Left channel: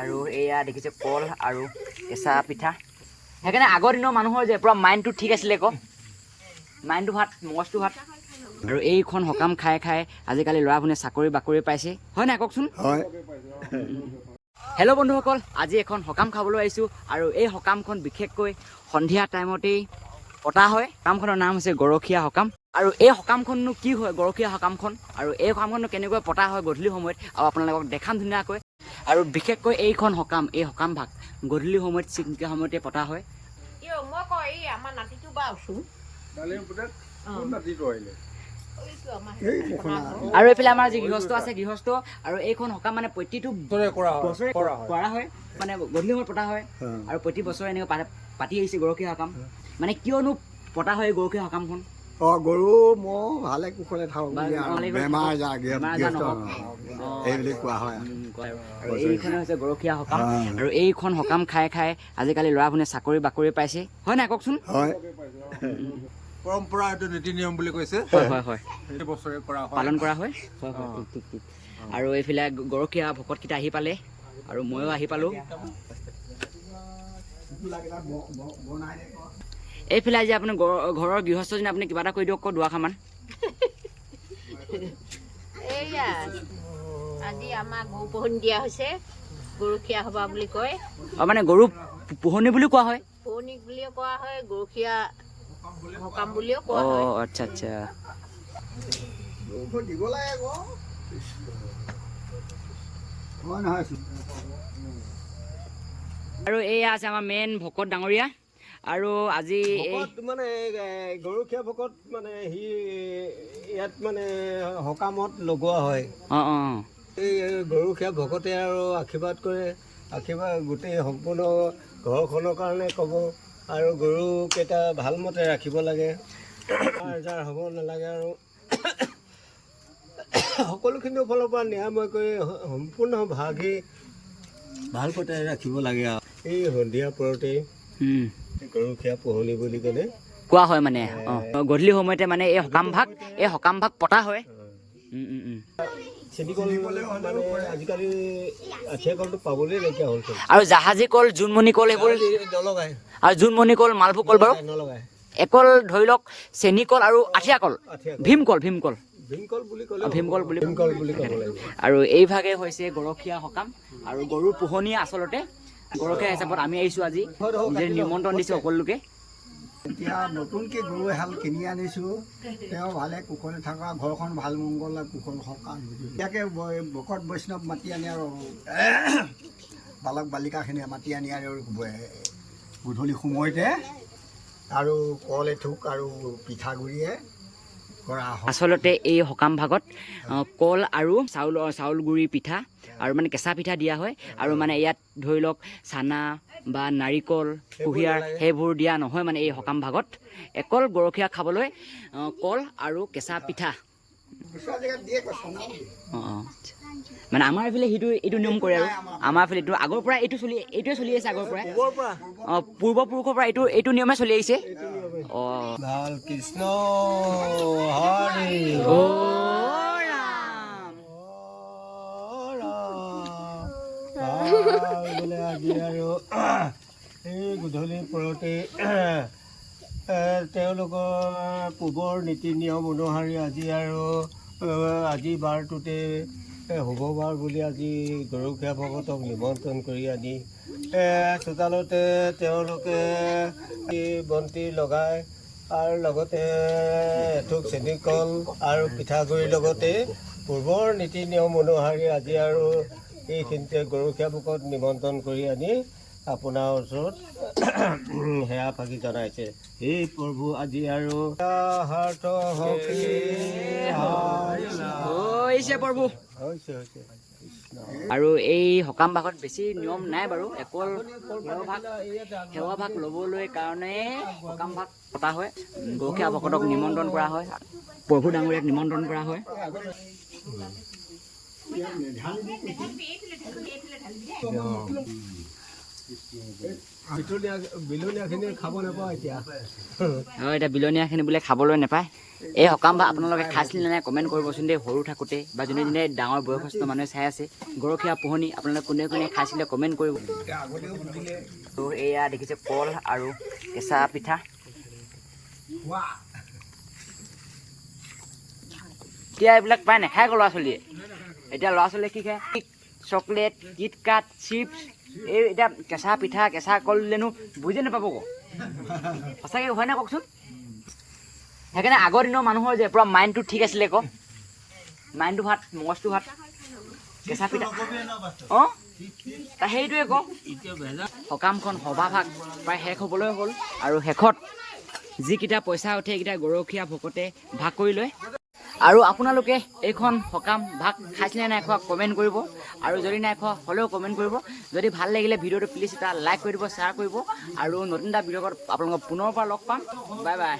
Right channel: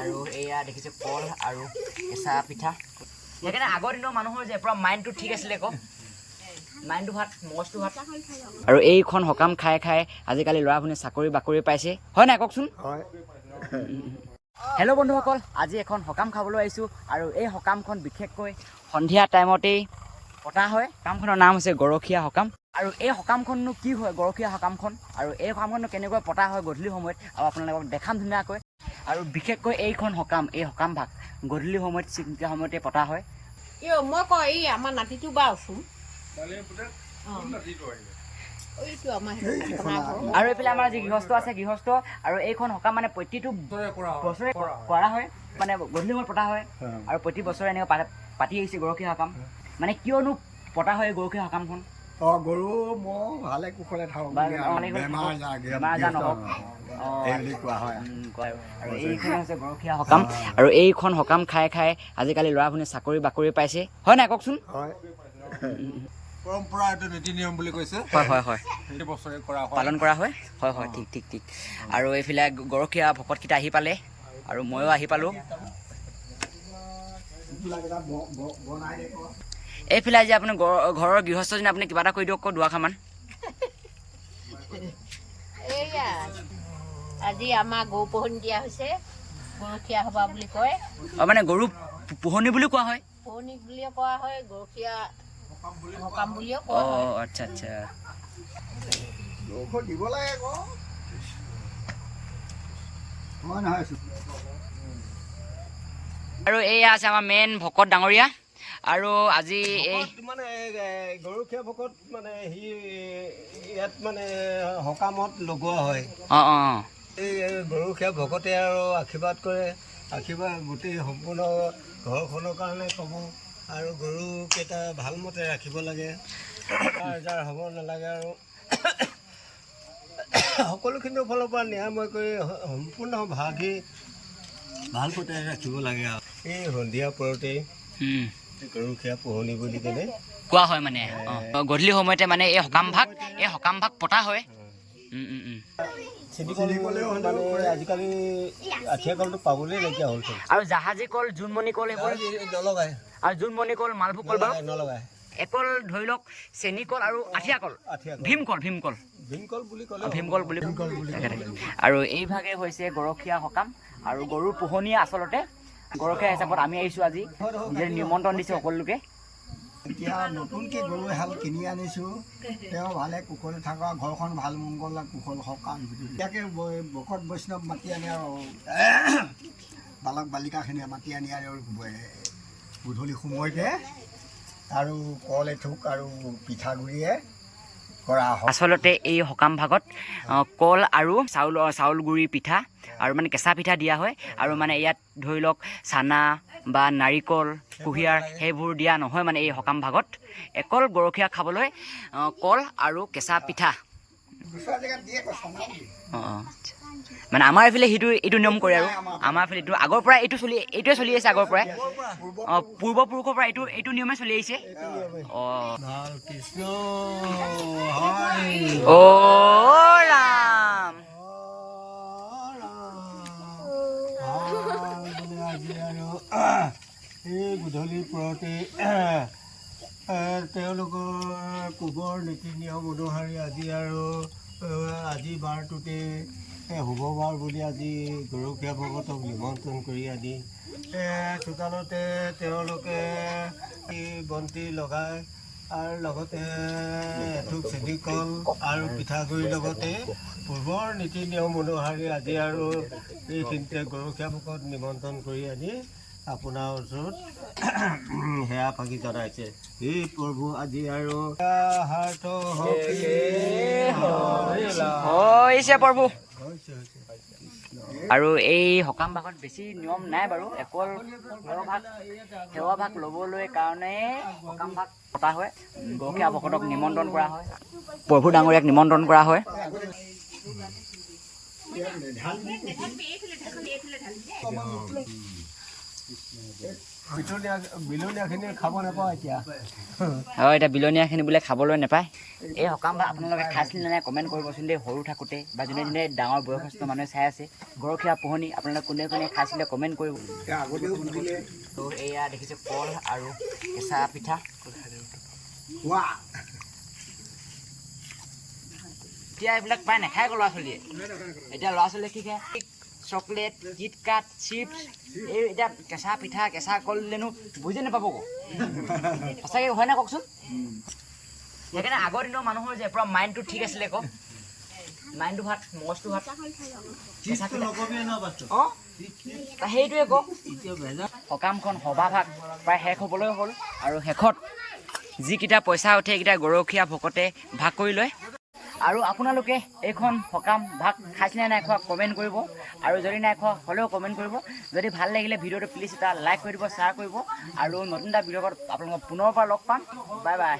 আৰু এয়া দেখিছে কল আৰু কেঁচা পিঠা সেইকাৰণে আগৰ দিনৰ মানুহৰ যে পুৰা মাইণ্ডটো ঠিক আছিলে আকৌ মাইণ্ডটো ভাত মগজটো ভাত আৰু এইখন সকাম খাই খাই আজিকালি ল'ৰা ভুনে চাকৰি বাকৰি পাইছে হয় নাই কওকচোন হয় হেল্ল' বন্ধুসকল আজি এখন সকাম খাবলৈ আহিছোঁ আৰু এই সকামখন বিশেষকৈ সন্ধিয়া টাইমতেই পতা হয় সকামখনৰ নাম হৈছে গৰখীয়া সকাম আৰু এই সকামখননো কি হয় গৰখীয়া সকামখন আৰু এই সকামখননো কেনেকৈ পতা হয় গধূলি সময়ত আৰু আপোনালোকক দেখাম ধুনীয়াকৈ আৰু বিশেষকৈ এইখন সকাম এই সকাম ভাগ গধূলি সময়ত চিন্তা সময়তে পতা হয় মই কওঁ এই আমাৰ নাতিটো বা আছোন আৰু এইফালে আমাৰ যি গৃহস্থ আছে গৃহস্থ আৰু এইখন সকাম মানে প্ৰতিটো বছৰে কৰা হয় মানে গধূলি সময়ত পতা হয় আৰু প্ৰতি বছৰে এনেকৈ পাতি আহিছে গৰখীয়া সকাম মানে কিয়নো পতা হয় গৰখীয়া সকামখন গৰু ম'হ ভালে কুশলে থাকক বেমাৰ আজাৰ নহওক এইবুলি কোৱা হয় আৰু এইখন হৈছে গৰখীয়া সকাম আৰু এইখন সকাম খাই খাই আজিকালি ল'ৰা ভুনে চাকৰি বাকৰি পাইছে হয় নাই কওকচোন হয় পৰম্পৰা এইটো নীতি নিয়ম বুলি কৈছে হয় হয় হয় সেইটো বছৰে কৰা হয় পালন কৰা হয় হয় হয় ঠিক ঠিক ঠিক আৰু এইফালে গৰখীয়া ভকতকেইটা আহি পালে আৰু ময়ো আহি পালোঁ এইফালে আজি আপুনি ঘৰৰ গৃহস্থজনে আপুনি কিবা এটা কৰি দিয়ক আকৌ দুআষাৰমান এইয়া আজি আমাৰ গৰু পোহনি দিয়া হৈছে গৰখীয়া সভা বুলি কয় মানে গৰু পোহনি বুলি কোৱা হয় পোহনি বুলিও কোৱা হয় গৰখীয়া সকাম বুলিও কোৱা হয় আচ্ছা আচ্ছা দিব লাগে আকৌ হয় নহয় আৰু এয়া আছে আমাৰ মেইন ভকত ডাঙৰীয়া আৰু আজি এই মানে গৰখীয়া ভকত মানে সি ইয়াত মানে সকামত লগোৱা হয় অঁ অঁ এই গৰখীয়া ভকতে আৰু আশীৰ্বাদ কৰে আশীৰ্বাদ গোটেই সম্পূৰ্ণ ঘৰখনৰ কাৰণে ক'ব আৰু গৰুকেইটা ভালমতে ৰাখিব লাগে আজাৰ হ'ব নালাগে আৰু সকলোখিনিৰ ফালৰ পৰা নিৰাময় কৰি সম্পূৰ্ণ ভাগি ভালমতে ৰাখিব লাগে আৰু এই সন্ধিয়া পৰতেই গৰখীয়া পোহনি বুলি কেনে কোৱা হয় মানে গধূলি সময়তে মানে এই সকাম ভাগ পতা হয় চেনিকল মানে আজিকালি আঠিয়া কলটো পাবলৈ নাইকিয়া হ'ল আৰু জাহাজী কল জোনমণি কল সেইবোৰ নলগাই আৰু জোনমণি কল মালভোগ কল বাৰু নলগাই একল ধৰি লওক চেনি কল আৰু আঠিয়া কল ভীমকল ভীমকল বুলি ক'লে ভীমকল বুলি আৰু এইভাগে হৈছে গৰখীয়া সকাম আৰু গৰুৰ পোহনীয়া আচলতে গৰখীয়া হিচাপত আমি আহিছোঁ আজি নিজে নিমন্ত্ৰণ দিছে সকলোকে এতিয়া নতুনকৈ গৰু এহাল কিনি আনিছোঁ তেওঁ ভালে কুশলে থকা ঘৰখন ভাল মংগল কুশল সকাম ইয়াকে ভকত বৈষ্ণৱ মাতি আনি আৰু বালক বালিকাখিনিয়ে মাতি আনি আৰু গধূলি সময়তে আৰু কল এথোক আৰু পিঠাগুড়িয়ে কৰা হয় আচলতে এই সকাম ভাগত কল আৰু চাউল গুড়ি পিঠা আৰু মানে কেঁচা পিঠা দিয়া হয় আৰু মানে ইয়াত ধৰি লওক চানা বা নাৰিকল কুঁহিয়াৰ সেইবোৰ দিয়া নহয় মানে এই সকাম ভাগত অকল গৰখীয়া খাবলৈ কল আৰু কেঁচা পিঠা অঁ মানে আমাৰ এইফালে এইটো নিয়ম কৰে আৰু আমাৰ এইফালে এইটো আগৰ পৰাই এইটোৱে চলি আহিছে আগৰ পৰাই অঁ পূৰ্বপুৰুষৰ পৰা এইটো নিয়মে চলি আহিছে অঁ কৃষ্ণ অ' ৰাম বোলে আজি আৰু এই গধূলিৰ পৰতে তেওঁলোকৰ পূৰ্বৰ নীতি নিয়ম অনুসৰি আজি বাৰটোতে শুভ বাৰ বুলি আজি গৰখীয়া ভকতক নিমন্ত্ৰণ কৰি আনি চোতালতে তেওঁলোকে বন্তি লগাই আৰু লগতে এথোক চেনিকল আৰু পিঠাগুড়িৰ লগতে পূৰ্বৰ নীতি নিয়ম অনুসৰি আজি আৰু এইখিনিতে গৰখীয়া ভকত নিমন্ত্ৰণ কৰি আনি আপোনাৰ ওচৰত সেয়া ফাঁকি জনাইছে এই প্ৰভু আজি আৰু হৈছে প্ৰভু হৈছে আৰু এই সকাম ভাগত বেছি নিয়ম নাই বাৰু অকল সেৱা ভাগ ল'বলৈ কাৰণে সকাম ভাগ পতা হয় গৰখীয়া ভকতক নিমন্ত্ৰণ কৰা হয় প্ৰভু ডাঙৰীয়াক নিমন্ত্ৰণ কৰা হয় বিলনীয়াখিনি খাব নাপাওঁ এতিয়া হয় এতিয়া বিলনীয়াখিনি বোলে খাবলৈ নাপায় এই সকাম বা আপোনালোকে খাইছিল নে নাই কমেণ্ট কৰিবচোন দেই। সৰু থাকোঁতে বা যোনে যোনে ডাঙৰ বয়সস্থ মানুহে চাই আছে গৰখীয়া পোহনি আপোনালোকে কোনে কোনে খাইছিলে কমেণ্ট কৰিব। তো এয়া দেখিছে কল আৰু কেঁচা পিঠা। এতিয়া এইবিলাক প্ৰায় নাখায় ল'ৰা ছোৱালীয়ে। এতিয়া ল'ৰা ছোৱালীয়ে কি খায়? চকলেট, কিটকাট, চিপছ, এই এতিয়া কেঁচা পিঠা কেঁচা কল দিলেনো বুজি নাপাব আকৌ। সঁচাকৈ হয় নাই কওকচোন? সেইকাৰণে আগৰ দিনৰ মানুহৰ যে পূৰা মাইণ্ডটো ঠিক আছিলে আকৌ। মাইণ্ডটো ভাত, মগজটো ভাত, কেঁচা পিঠা। অঁ সেইটোৱে আকৌ। সকামখন সভাভাগ প্ৰায় শেষ হ'বলৈ হ'ল আৰু শেষত যিকেইটা পইচা উঠে সেইকেইটা গৰখীয়া ভকতে ভাগ কৰি লয়। আৰু আপোনালোকে এইখন সকাম ভাগ খাইছিলে নাই খোৱা কমেণ্ট কৰিব, আৰু যদি নাই খোৱা হ'লেও কমেণ্ট কৰিব। যদি ভাল লাগিলে ভিডিঅ'টো প্লিজ এটা লাইক কৰি দিব, শ্বেয়াৰ কৰিব, আৰু নতুন এটা ভিডিঅ'ত আপোনালোকক পুনৰ পৰা লগ পাম। Bye bye.